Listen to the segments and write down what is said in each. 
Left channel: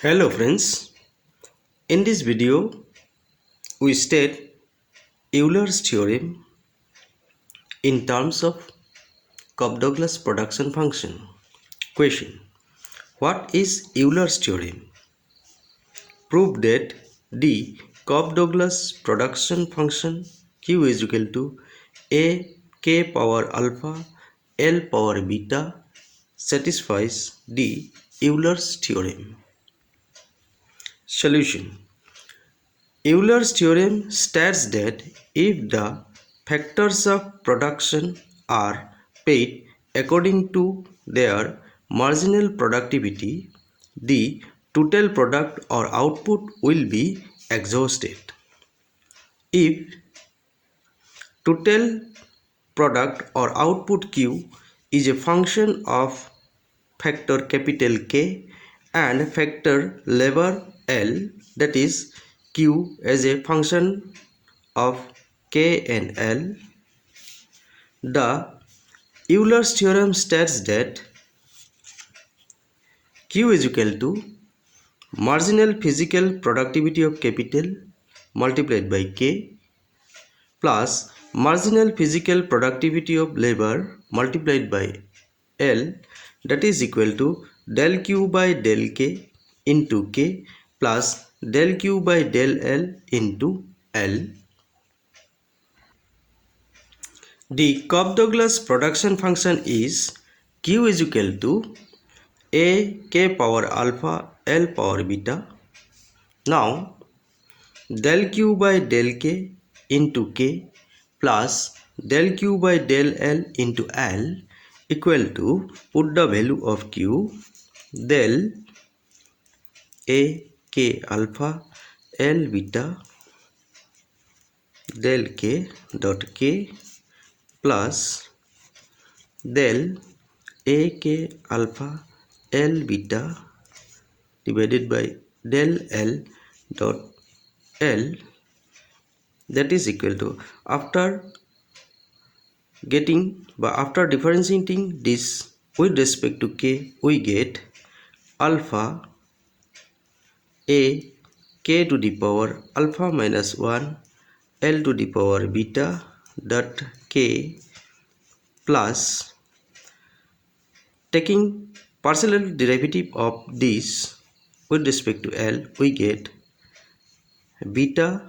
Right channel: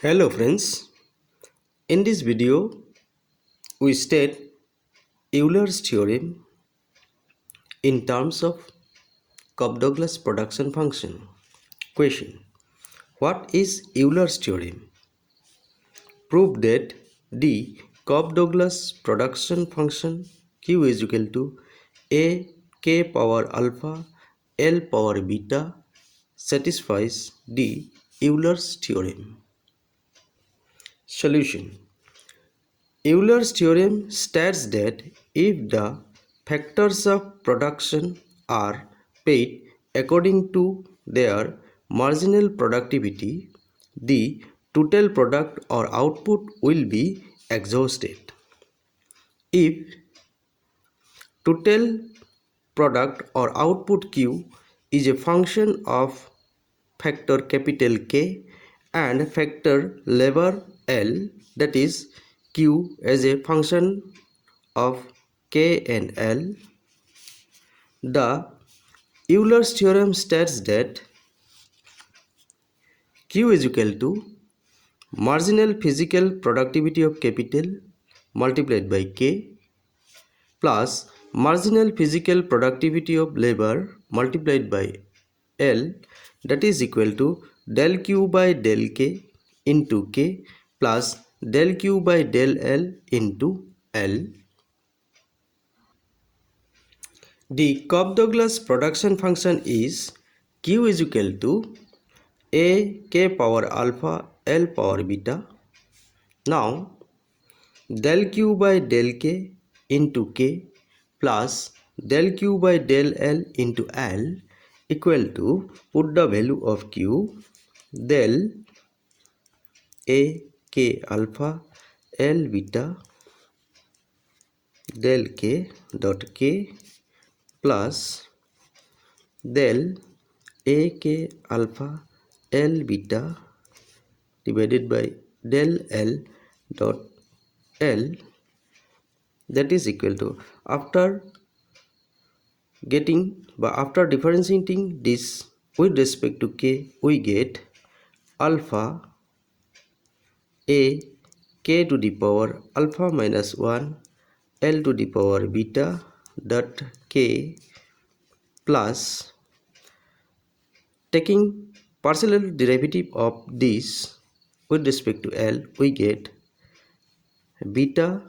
Hello friends, in this video we state Euler's theorem in terms of Cobb-Douglas production function. Question: what is Euler's theorem? Prove that the Cobb-Douglas production function Q is equal to a k power alpha L power beta satisfies the Euler's theorem. Solution: Euler's theorem states that if the factors of production are paid according to their marginal productivity, the total product or output will be exhausted. If total product or output Q is a function of factor capital K and factor labor L, that is Q as a function of K and L, the Euler's theorem states that Q is equal to marginal physical productivity of capital multiplied by K plus marginal physical productivity of labor multiplied by L, that is equal to del Q by del K into K plus del Q by del L into L. The Cobb-Douglas production function is Q is equal to a k power alpha L power beta. Now del Q by del K into K plus del Q by del L into L equal to, put the value of Q, del a k alpha L beta del K dot K plus del a k alpha L beta divided by del L dot L, that is equal to, after differentiating this with respect to K, we get alpha a k to the power alpha minus 1 L to the power beta dot K plus, taking partial derivative of this with respect to L, we get beta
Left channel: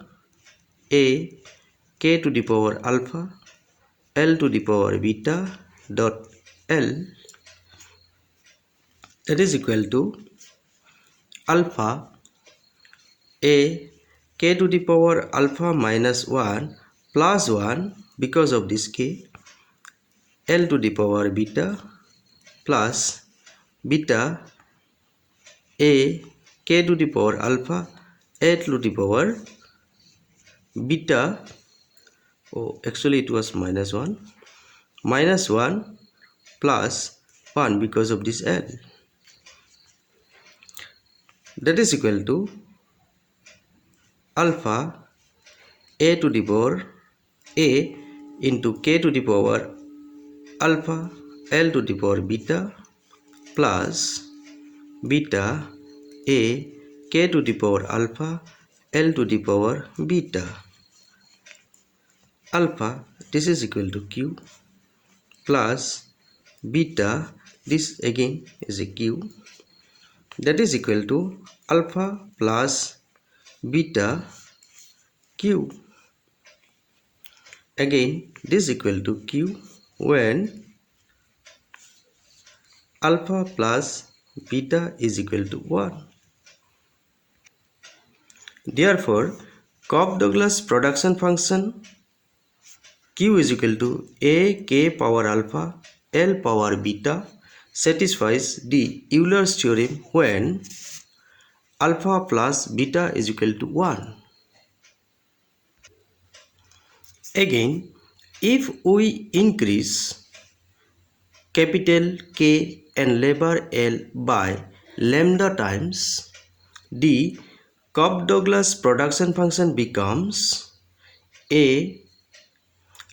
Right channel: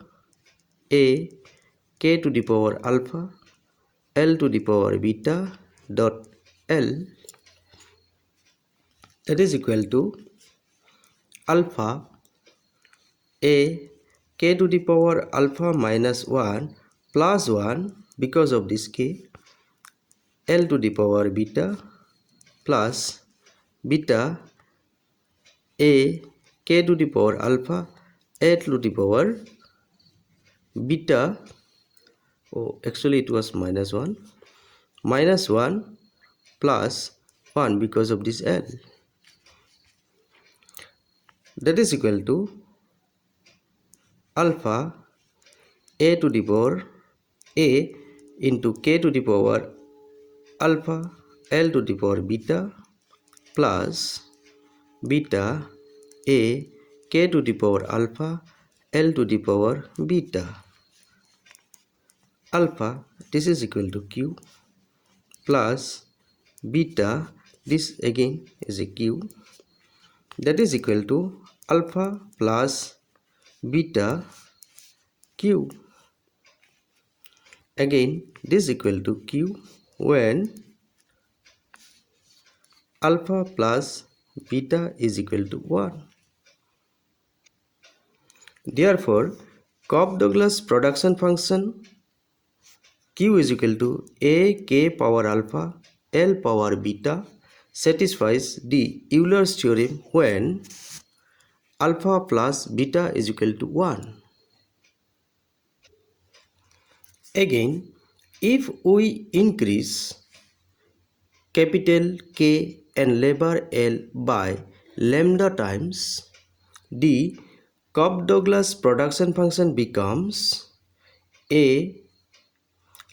a k to the power alpha L to the power beta dot L, that is equal to alpha a k to the power alpha minus 1 plus 1 because of this K, L to the power beta plus beta a k to the power alpha L to the power beta, actually it was minus 1 plus 1 because of this L, that is equal to alpha a to the power a into k to the power alpha L to the power beta plus beta a k to the power alpha L to the power beta. Alpha, this is equal to Q, plus beta, this again is a Q, that is equal to alpha plus beta Q. Again this is equal to Q when alpha plus beta is equal to 1. Therefore, Cobb-Douglas production function Q is equal to a k power alpha L power beta satisfies the Euler's theorem when alpha plus beta is equal to 1. Again, if we increase capital K and labor L by lambda times, the Cobb-Douglas production function becomes a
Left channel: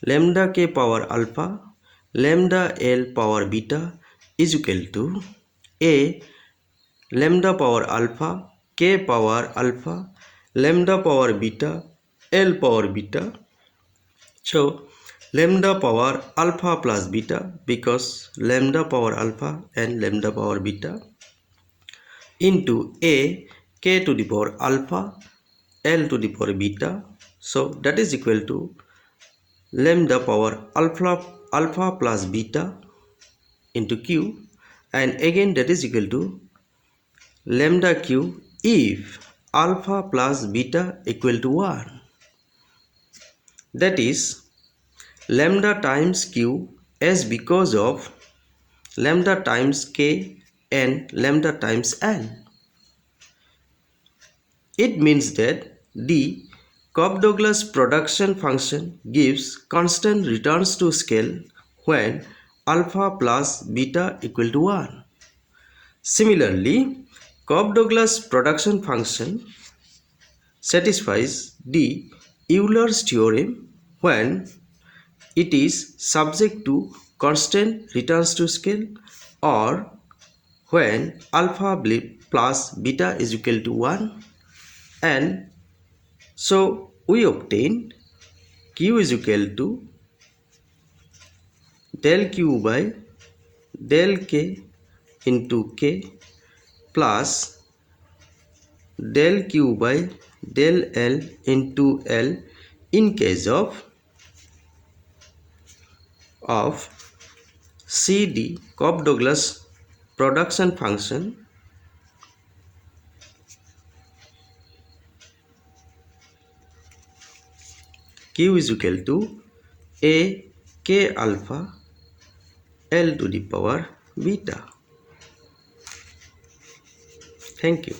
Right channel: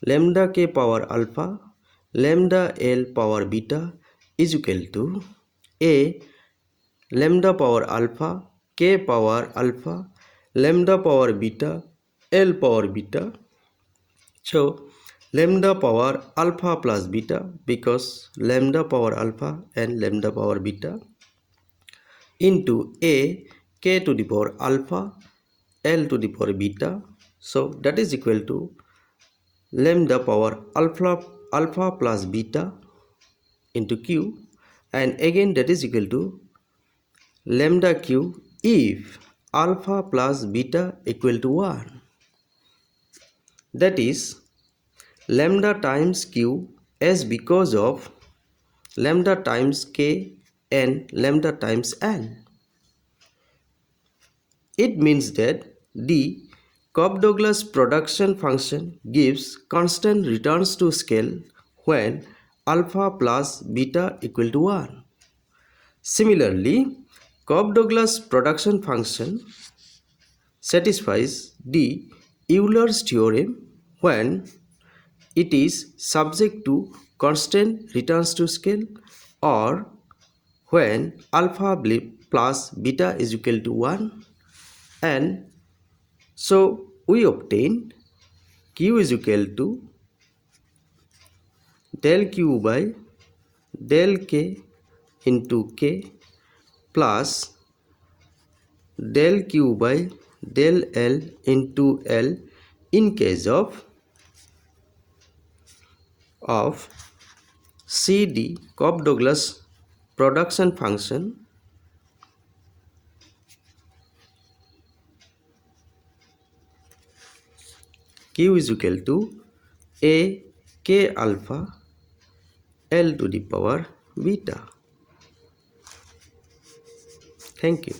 lambda k power alpha lambda L power beta is equal to a lambda power alpha, k power alpha, lambda power beta, L power beta. So lambda power alpha plus beta, because lambda power alpha and lambda power beta, into a k to the power alpha L to the power beta. So that is equal to lambda power alpha plus beta into q, and again that is equal to lambda q if alpha plus beta equal to 1. That is lambda times q as because of lambda times k and lambda times n. It means that the Cobb-Douglas production function gives constant returns to scale when alpha plus beta equal to 1. Similarly, Cobb-Douglas production function satisfies the Euler's theorem when it is subject to constant returns to scale, or when alpha plus beta is equal to 1, and so we obtain q is equal to del q by del k into k plus del q by del L into L in case of CD Cobb-Douglas production function q is equal to a k alpha L to the power beta. Thank you.